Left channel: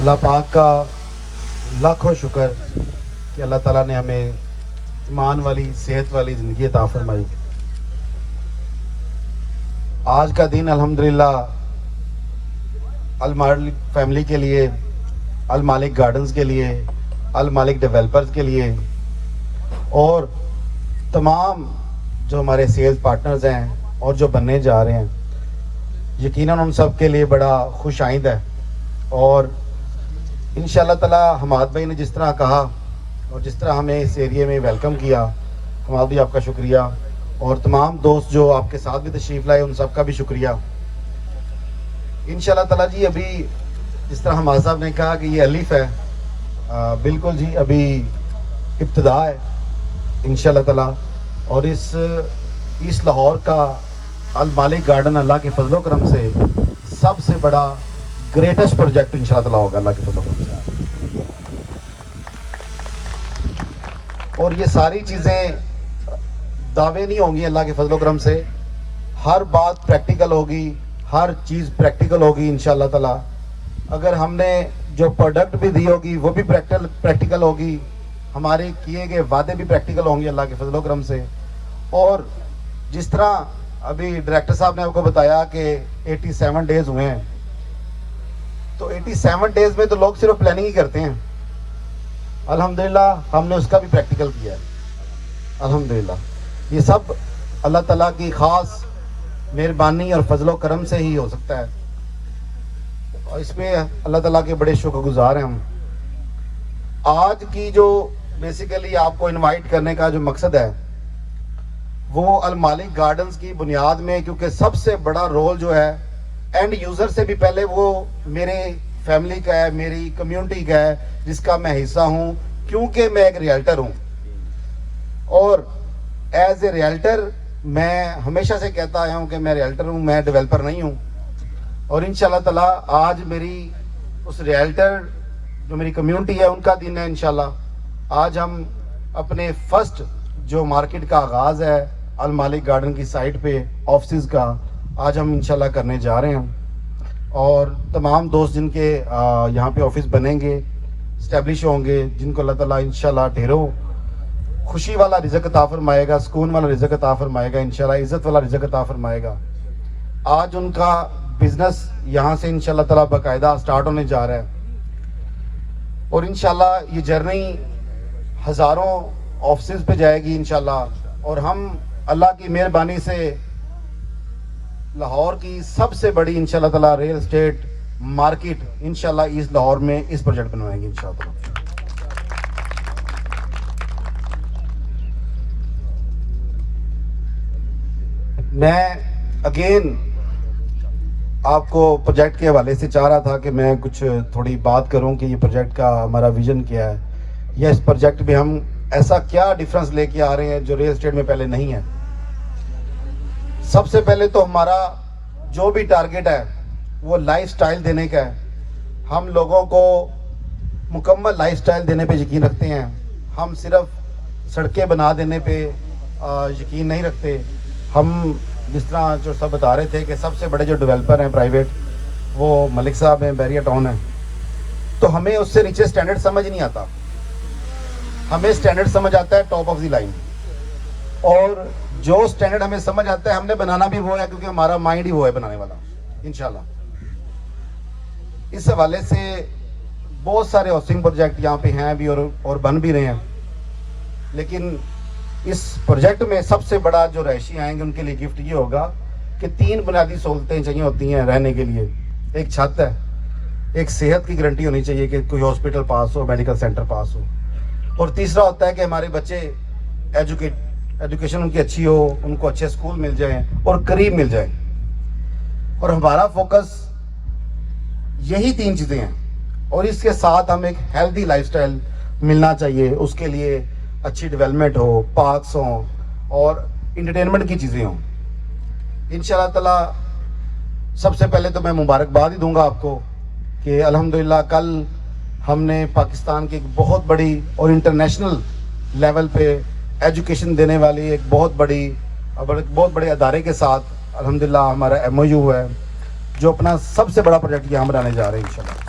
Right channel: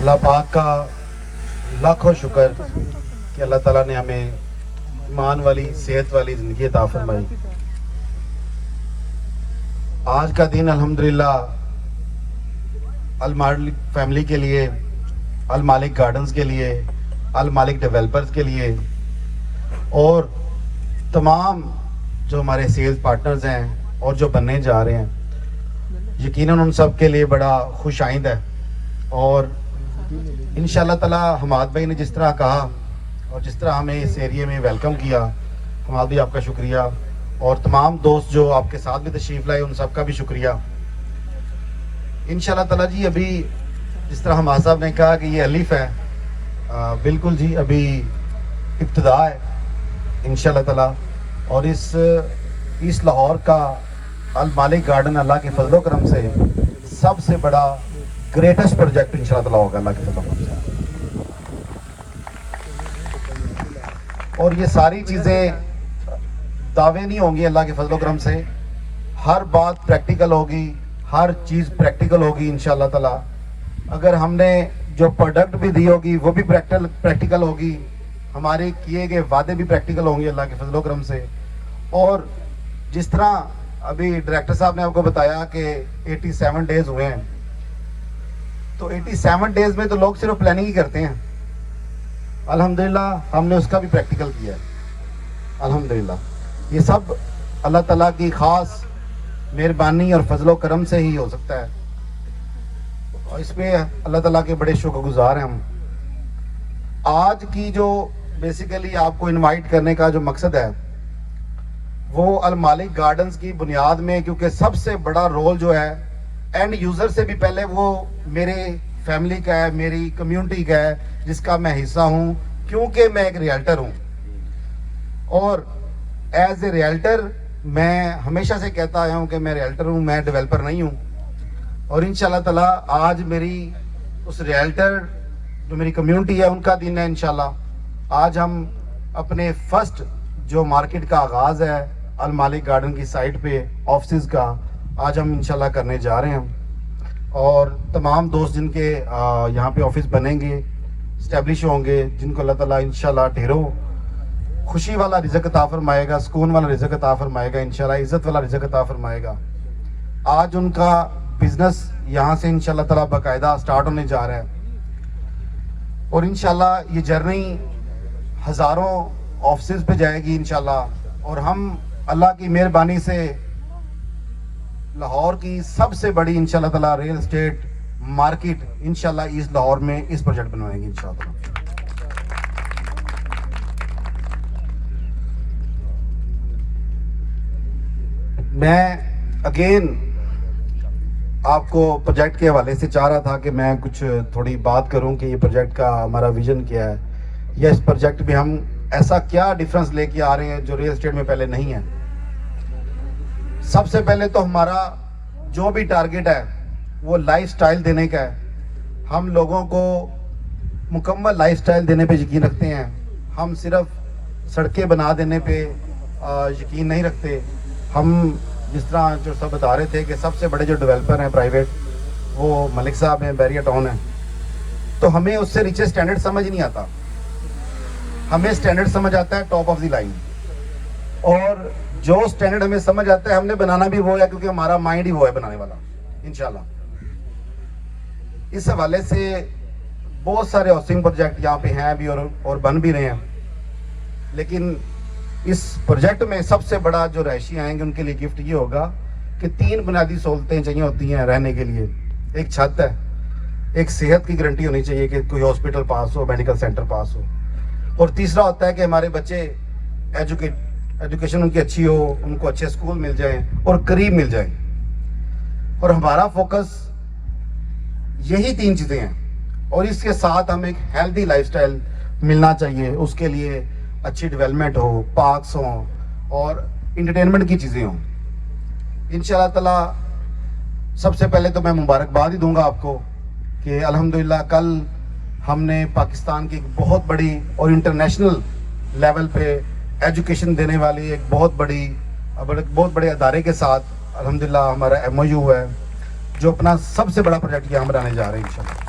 اللہ پاک کا لاکھوں شکر کہ اللہ تعالیٰ نے ہمیں ایمان والی صحت والی زندگی عطا فرمائی. آج کا دن الحمدللہ المالک فیملی کے لیے، المالک گارڈنز کے لیے، المالک ڈیولپرز کے لیے اور تمام جو ہمارے سیلز پارٹنرز ہیں اور جو بننے جا رہے ہیں، یقیناً ان سب کے لیے بڑا خوش آئند ہے. اور انشاءاللہ تعالی حماد بھائی نے جس طرح کہا اور جس طرح ہمیں اس ایریے میں ویلکم کیا، حماد بھائی آپ کا شکریہ، اور تمام دوست جو آپ کے ساتھ بھی تشریف لائے ان سب کا بھی شکریہ. انشاءاللہ تعالی جی ابھی جس طرح حماد صاحب نے کہا کہ یہ الف ہے، بالکل جی ابھی ابتدا ہے انشاءاللہ تعالی. اور اس ایسٹ لاہور کا المالک گارڈن اللہ کے فضل و کرم سے سب سے بڑا گریٹسٹ پروجیکٹ انشاءاللہ تعالی ہوگا اللہ کے فضل و کرم سے. اور یہ ساری چیزیں دعوے نہیں ہوں گی، اللہ کے فضل و کرم سے ہر بات پریکٹیکل ہوگی، ہر چیز پریکٹیکل ہوگی انشاءاللہ تعالی. اگر ہم نے جو پروڈکٹ بھی دی ہوگی وہ بھی پریکٹیکل ہوگی، ہمارے کیے گئے وعدے بھی پریکٹیکل ہوں گے اللہ کے فضل و کرم سے. اور جس طرح ابھی ڈائریکٹر صاحب نے آپ کو بتایا کہ 87 ڈیز ہوئے ہیں، تو 87 ڈیز میں تو لوگ صرف پلاننگ ہی کرتے ہیں. الحمدللہ ہم نے اس کا بھی پریکٹیکل کیا ہے الحمدللہ. یہ سب اللہ تعالیٰ کی خاص مہربانی اور فضل و کرم سے ہی ہو سکتا ہے، اور اس پہ اللہ تعالیٰ کے بڑے شکر گزار ہیں ہم. آج کی جو بیسیکلی آپ کو انوائٹ کرنے کا جو مقصد ہے وہ المالک گارڈنز کی بنیاد میں، کیونکہ سب سے بڑا رول جو ہے اینڈ یوزر سے بھی پہلے وہ میرے فیملی کا ہے، میری کمیونٹی کا ہے جس کا میں حصہ ہوں، کیونکہ میں ایک ریئلٹر ہوں. اور ایز اے ریئلٹر میں ہمیشہ سے کہتا آیا ہوں کہ میں ریئلٹر ہوں، میں ڈیولپر نہیں ہوں. اور انشاءاللہ تعالی آج میری اس ریئلٹر جو میری کمیونٹی ہے ان کا دن ہے انشاءاللہ. آج ہم اپنے فرسٹ جو مارکیٹ کا آغاز ہے المالک گارڈن کی سائٹ پہ آفسز کا، آج ہم انشاءاللہ کرنے جا رہے ہیں. اور تمام دوست جن کے یہاں پہ آفس بنیں گے، اسٹیبلش ہوں گے، جن کو اللہ تعالیٰ انشاءاللہ ڈھیروں خوشی والا رزق عطا فرمائے گا، سکون والا رزق عطا فرمائے گا انشاءاللہ، عزت والا رزق عطا فرمائے گا. آج ان کا بزنس یہاں سے انشاءاللہ تعالیٰ باقاعدہ سٹارٹ ہونے جا رہا ہے. اور انشاءاللہ یہ جرنی ہزاروں آفسز پہ جائے گی انشاءاللہ. اور ہم اللہ کی مہربانی سے لاہور کی سب سے بڑی انشاءاللہ تعالیٰ ریل اسٹیٹ مارکیٹ انشاءاللہ ایسٹ لاہور میں اس پروجیکٹ بنوائیں گے انشاءاللہ. میں اگین آپ کو پروجیکٹ کے حوالے سے چاہ رہا تھا کہ میں کچھ تھوڑی بات کروں کہ یہ پروجیکٹ کا ہمارا ویژن کیا ہے، یا اس پروجیکٹ میں ہم ایسا کیا ڈیفرنس لے کے آ رہے ہیں جو ریل اسٹیٹ میں پہلے نہیں ہے. سب سے پہلے تو ہمارا جو بھی ٹارگٹ ہے وہ لائف سٹائل دینے کا ہے. ہم لوگوں کو مکمل لائف سٹائل دینے پہ یقین رکھتے ہیں، ہم صرف سڑکیں بنا دینے پہ یقین نہیں رکھتے. ہم جس طرح جو سب بتا رہے تھے کہ سب سے بڑے جو ڈیولپر ہیں پرائیویٹ وہ ملک صاحب ہیں، بیریا ٹاؤن ہیں، تو ہمیں اس سے نیچے سٹینڈرڈ سمجھ نہیں آتا. ہمیں سٹینڈرڈ سمجھ آتا ہے ٹاپ آف دی لائن، اور جو سٹینڈرڈ ہمیں سمجھ آتا ہے ہم نے بنانا بھی وہ ہے، کیونکہ ہمارا مائنڈ ہی وہ ہے بنانے والا انشاءاللہ. اس حوالے سے بہت سارے ہاؤسنگ پروجیکٹ یہاں پہ ہیں بھی اور بن بھی رہے ہیں، لیکن اس پروجیکٹ میں سب سے بڑا جو رہائشی آئیں گے ان کے لیے گفٹ یہ ہوگا کہ 3 بنیادی سہولتیں چاہیے ہوتی ہیں رہنے کے لیے. ایک چھت ہے، ایک صحت کی گارنٹی ہونی چاہیے کہ کوئی ہاسپٹل پاس ہو، میڈیکل سینٹر پاس ہو، اور تیسرا ہوتا ہے کہ ہمارے بچے ایجوکیشن ان کی اچھی ہو، ان کو اچھے سکول مل جائیں اور قریب مل جائیں. اور ہمارا فوکس یہی 3 چیزیں ہیں. اور اس کے ساتھ ہم ایک ہیلدی لائف سٹائل ملنا چاہیے، اس کے لیے اچھی ڈیولپمنٹ ہو، پارکس ہوں اور انٹرٹینمنٹ کی چیزیں ہوں. انشاءاللہ تعالی سب سے پہلے تو میں مبارکباد ہی دوں گا آپ کو کہ الحمدللہ کل ہم نے پاکستان کی ایک بہت بڑی اور انٹرنیشنل لیول پہ ایجوکیشن دینے والی ایک بہت بڑے ادارے کے ساتھ الحمدللہ ہمارا MOU ہے، جو اپنا سب سے بڑا پروجیکٹ یہاں بنانے جا رہے ہیں انشاءاللہ.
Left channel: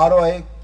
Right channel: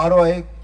ROI